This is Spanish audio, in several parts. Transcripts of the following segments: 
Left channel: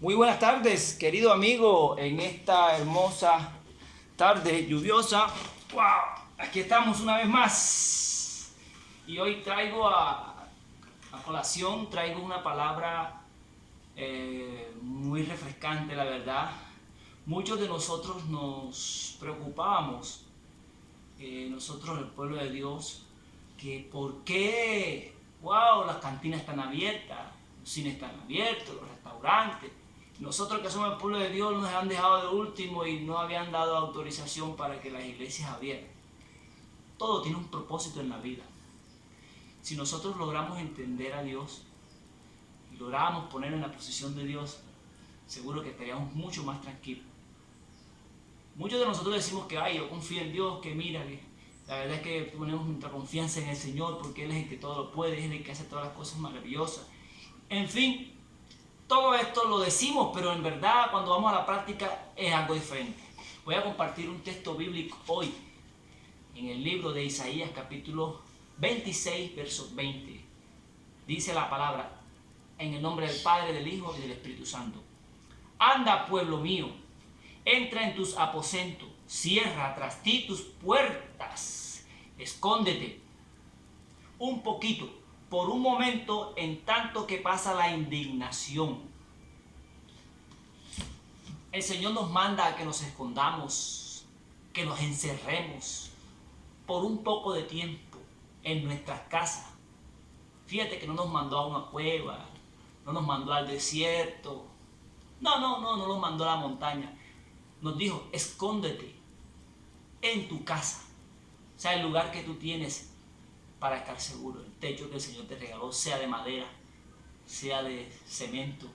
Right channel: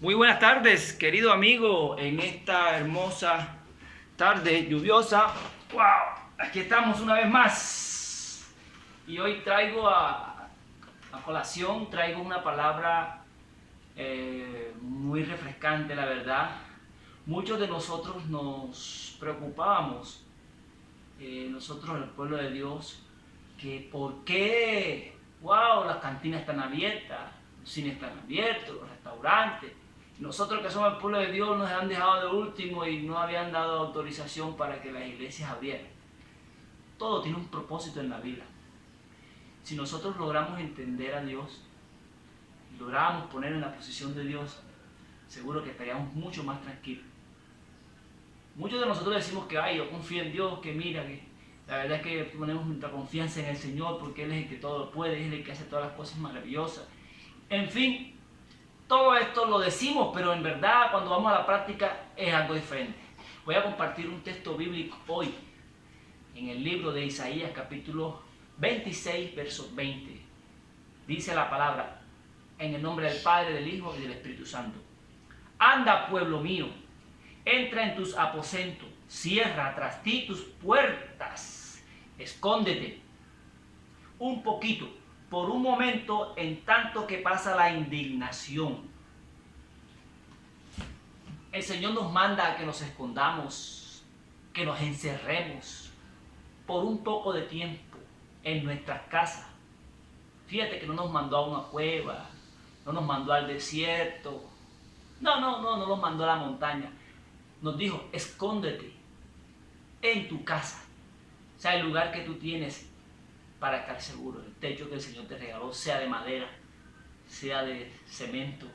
Muy buenas tardes, querido amigo, en esta hermosa tarde lluviosa. ¡Wow! Aquí estamos una vez más. Y hoy traigo a colación, traigo una palabra muy refrescante, la verdad. Muchos de nosotros nos preocupábamos, nosotros el pueblo de Dios, que por qué, wow, las cantinas están abiertas, los cines están abiertos, los restaurantes. Nosotros que somos el pueblo de Dios nos han dejado de último y no habían dado autorización para que las iglesias abrieran. Todo tiene un propósito en la vida. Si nosotros logramos entender a Dios y logramos poner en la posición de Dios, seguro que estaríamos mucho más tranquilos. Muchos de nosotros decimos que ay, yo confío en Dios, que mira, que la verdad es que ponemos nuestra confianza en el Señor porque Él es el que todo lo puede, es el que hace todas las cosas maravillosas. En fin, todo esto lo decimos, pero en verdad cuando vamos a la práctica es algo diferente. Voy a compartir un texto bíblico hoy en el libro de Isaías capítulo 26, verso 20. Dice la palabra, en el nombre del Padre, del Hijo y del Espíritu Santo. Anda, pueblo mío, entra en tus aposentos, cierra tras ti tus puertas, escóndete un poquito, por un momento, en tanto que pasa la indignación. El Señor nos manda a que nos escondamos, que nos encerremos por un poco de tiempo en nuestras casas. Fíjate que no nos mandó a una cueva, no nos mandó al desierto, no nos mandó a la montaña. Nos dijo, escóndete en tu casa. O sea, el lugar que tú tienes para estar seguro. El techo que el Señor te regaló, sea de madera, sea de cemento,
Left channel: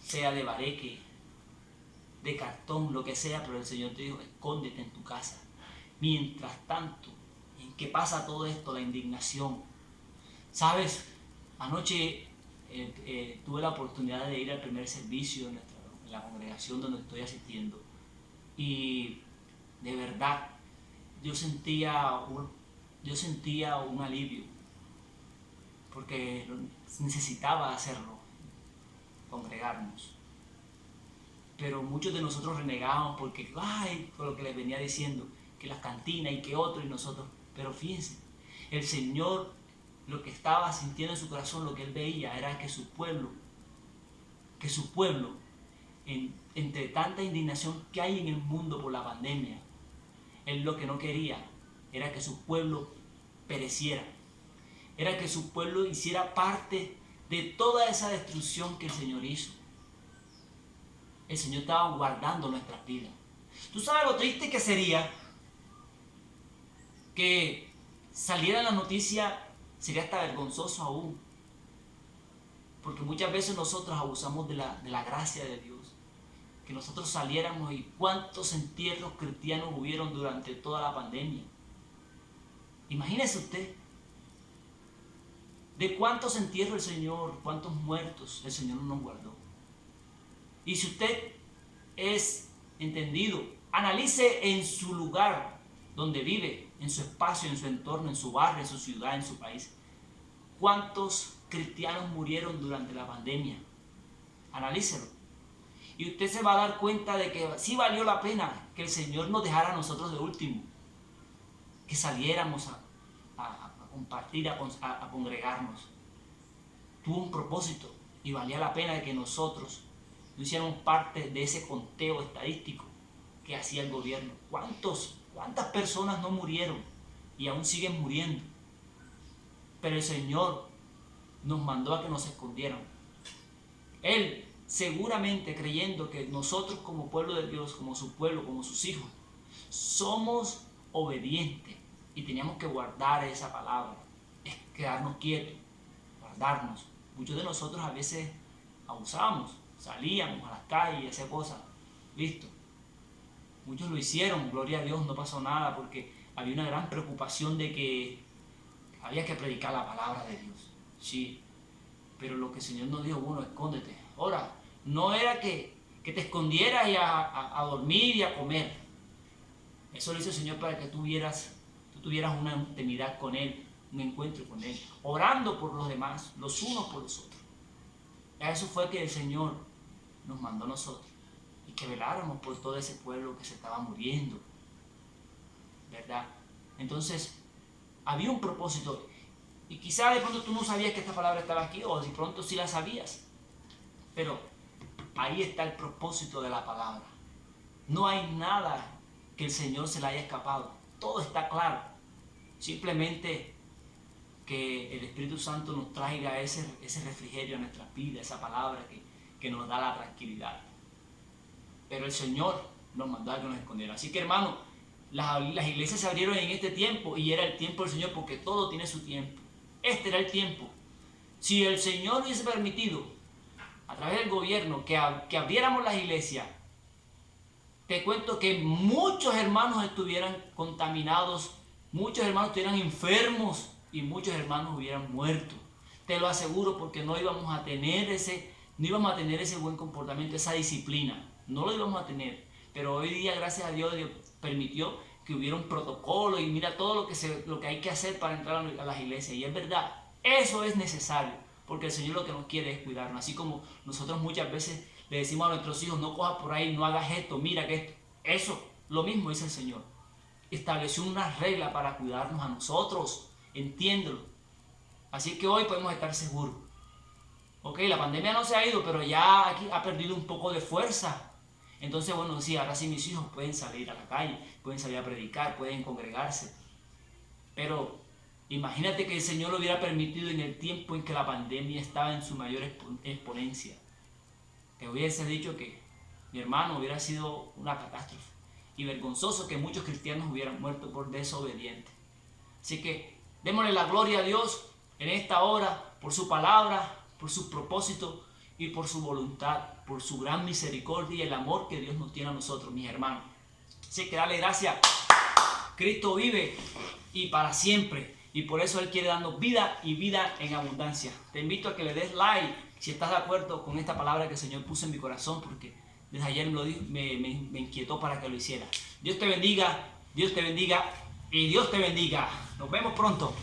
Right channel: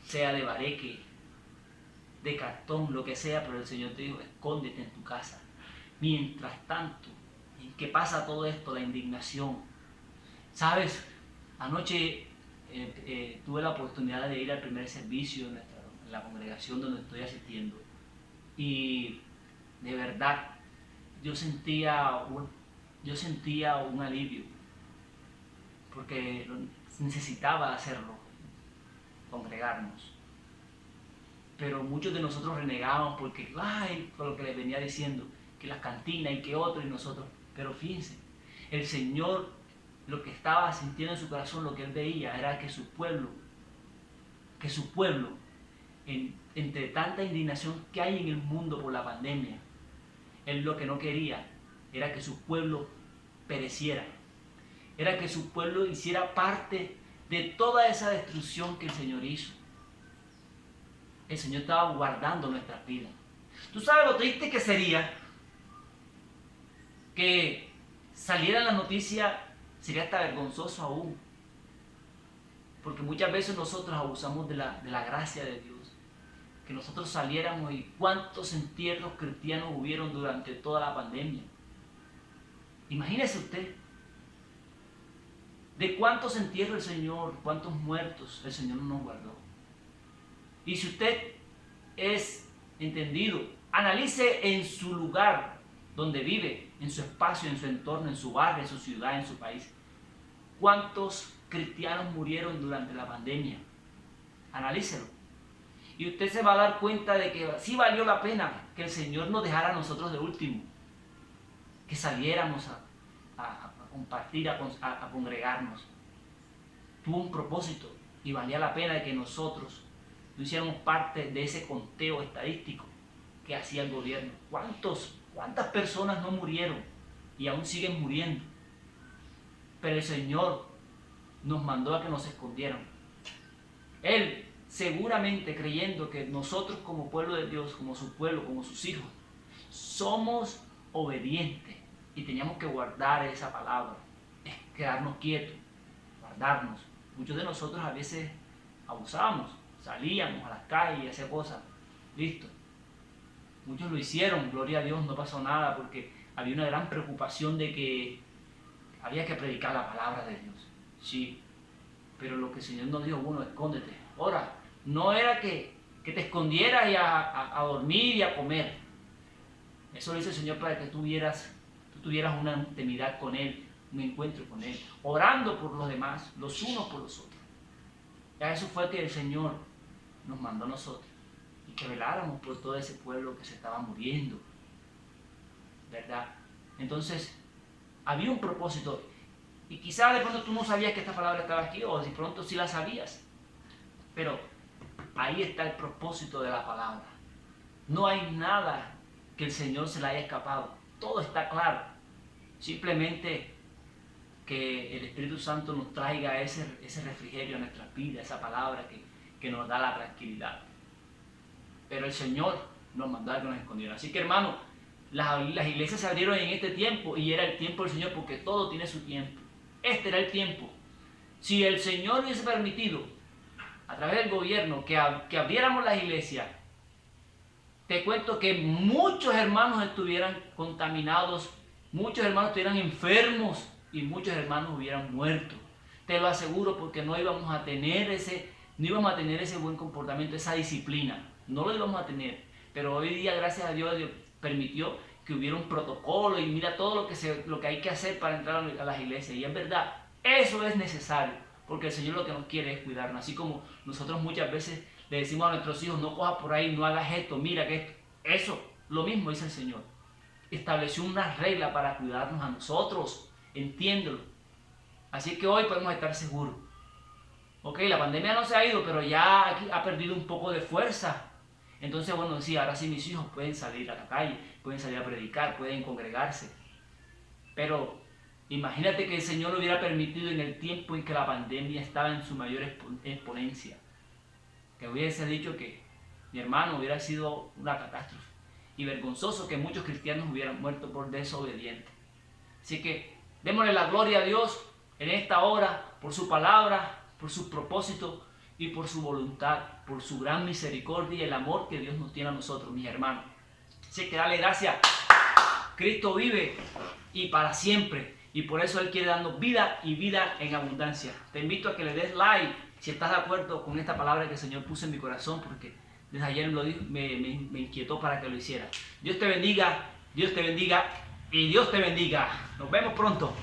sea de bareque, de cartón, lo que sea, pero el Señor te dijo, escóndete en tu casa. Mientras tanto, en que pasa todo esto, la indignación. ¿Sabes? Anoche tuve la oportunidad de ir al primer servicio en la congregación donde estoy asistiendo. Y de verdad, yo sentía un alivio, porque necesitaba hacerlo, congregarnos. Pero muchos de nosotros renegábamos porque, ay, con lo que les venía diciendo, que las cantinas y que otro y nosotros. Pero fíjense, el Señor lo que estaba sintiendo en su corazón, lo que él veía, era que su pueblo, entre tanta indignación que hay en el mundo por la pandemia, él lo que no quería era que su pueblo pereciera, era que su pueblo hiciera parte de toda esa destrucción que el Señor hizo. El Señor estaba guardando nuestras vidas. ¿Tú sabes lo triste que sería que saliera la noticia? Sería hasta vergonzoso aún, porque muchas veces nosotros abusamos de la gracia de Dios. Que nosotros saliéramos y cuántos entierros cristianos hubieron durante toda la pandemia. Imagínese usted de cuántos entierros el Señor, cuántos muertos el Señor nos guardó. Y si usted es entendido, analice en su lugar donde vive, en su espacio, en su entorno, en su barrio, en su ciudad, en su país. ¿Cuántos cristianos murieron durante la pandemia? Analícelo. Y usted se va a dar cuenta de que sí valió la pena que el Señor nos dejara a nosotros de último. Que saliéramos a compartir, a congregarnos. Tuvo un propósito y valía la pena de que nosotros no hiciéramos parte de ese conteo estadístico que hacía el gobierno. ¿Cuántas personas no murieron y aún siguen muriendo? Pero el Señor nos mandó a que nos escondiéramos. Él seguramente creyendo que nosotros como pueblo de Dios, como su pueblo, como sus hijos, somos obedientes y teníamos que guardar esa palabra, quedarnos quietos, guardarnos. Muchos de nosotros a veces abusábamos, salíamos a las calles y hacíamos cosas, listo. Muchos lo hicieron, gloria a Dios, no pasó nada porque había una gran preocupación de que había que predicar la palabra de Dios. Sí, pero lo que el Señor nos dijo, bueno, escóndete. Ahora, no era que te escondieras y a dormir y a comer. Eso lo hizo el Señor para que tú tuvieras una intimidad con Él, un encuentro con Él, orando por los demás, los unos por los otros. Y a eso fue que el Señor nos mandó a nosotros y que veláramos por todo ese pueblo que se estaba muriendo, ¿verdad? Entonces, había un propósito. Y quizás de pronto tú no sabías que esta palabra estaba aquí, o de pronto sí la sabías. Pero ahí está el propósito de la palabra. No hay nada que el Señor se le haya escapado. Todo está claro. Simplemente que el Espíritu Santo nos traiga ese refrigerio a nuestras vidas, esa palabra que nos da la tranquilidad. Pero el Señor nos mandó a que nos escondiera. Así que, hermano, las iglesias se abrieron en este tiempo y era el tiempo del Señor, porque todo tiene su tiempo. Este era el tiempo. Si el Señor hubiese permitido a través del gobierno que abriéramos las iglesias, te cuento que muchos hermanos estuvieran contaminados, muchos hermanos estuvieran enfermos y muchos hermanos hubieran muerto. Te lo aseguro, porque no íbamos a tener ese buen comportamiento, esa disciplina. No lo íbamos a tener. Pero hoy día, gracias a Dios, Dios permitió que hubiera un protocolo y mira todo lo que hay que hacer para entrar a las iglesias. Y es verdad, eso es necesario, porque el Señor lo que nos quiere es cuidarnos. Así como nosotros muchas veces le decimos a nuestros hijos, no cojas por ahí, no hagas esto, mira que esto. Eso, lo mismo dice el Señor. Estableció una regla para cuidarnos a nosotros, entiéndelo. Así que hoy podemos estar seguros. Ok, la pandemia no se ha ido, pero ya aquí ha perdido un poco de fuerza. Entonces, bueno, sí, ahora sí mis hijos pueden salir a la calle, pueden salir a predicar, pueden congregarse. Pero imagínate que el Señor lo hubiera permitido en el tiempo en que la pandemia estaba en su mayor exponencia. Que hubiese dicho que mi hermano hubiera sido una catástrofe. Y vergonzoso que muchos cristianos hubieran muerto por desobedientes. Así que démosle la gloria a Dios en esta hora por su palabra, por sus propósitos y por su voluntad, por su gran misericordia y el amor que Dios nos tiene a nosotros, mis hermanos. Así que dale gracias. Cristo vive y para siempre. Y por eso Él quiere darnos vida y vida en abundancia. Te invito a que le des like si estás de acuerdo con esta palabra que el Señor puso en mi corazón, porque desde ayer me inquietó para que lo hiciera. Dios te bendiga y Dios te bendiga. Nos vemos pronto.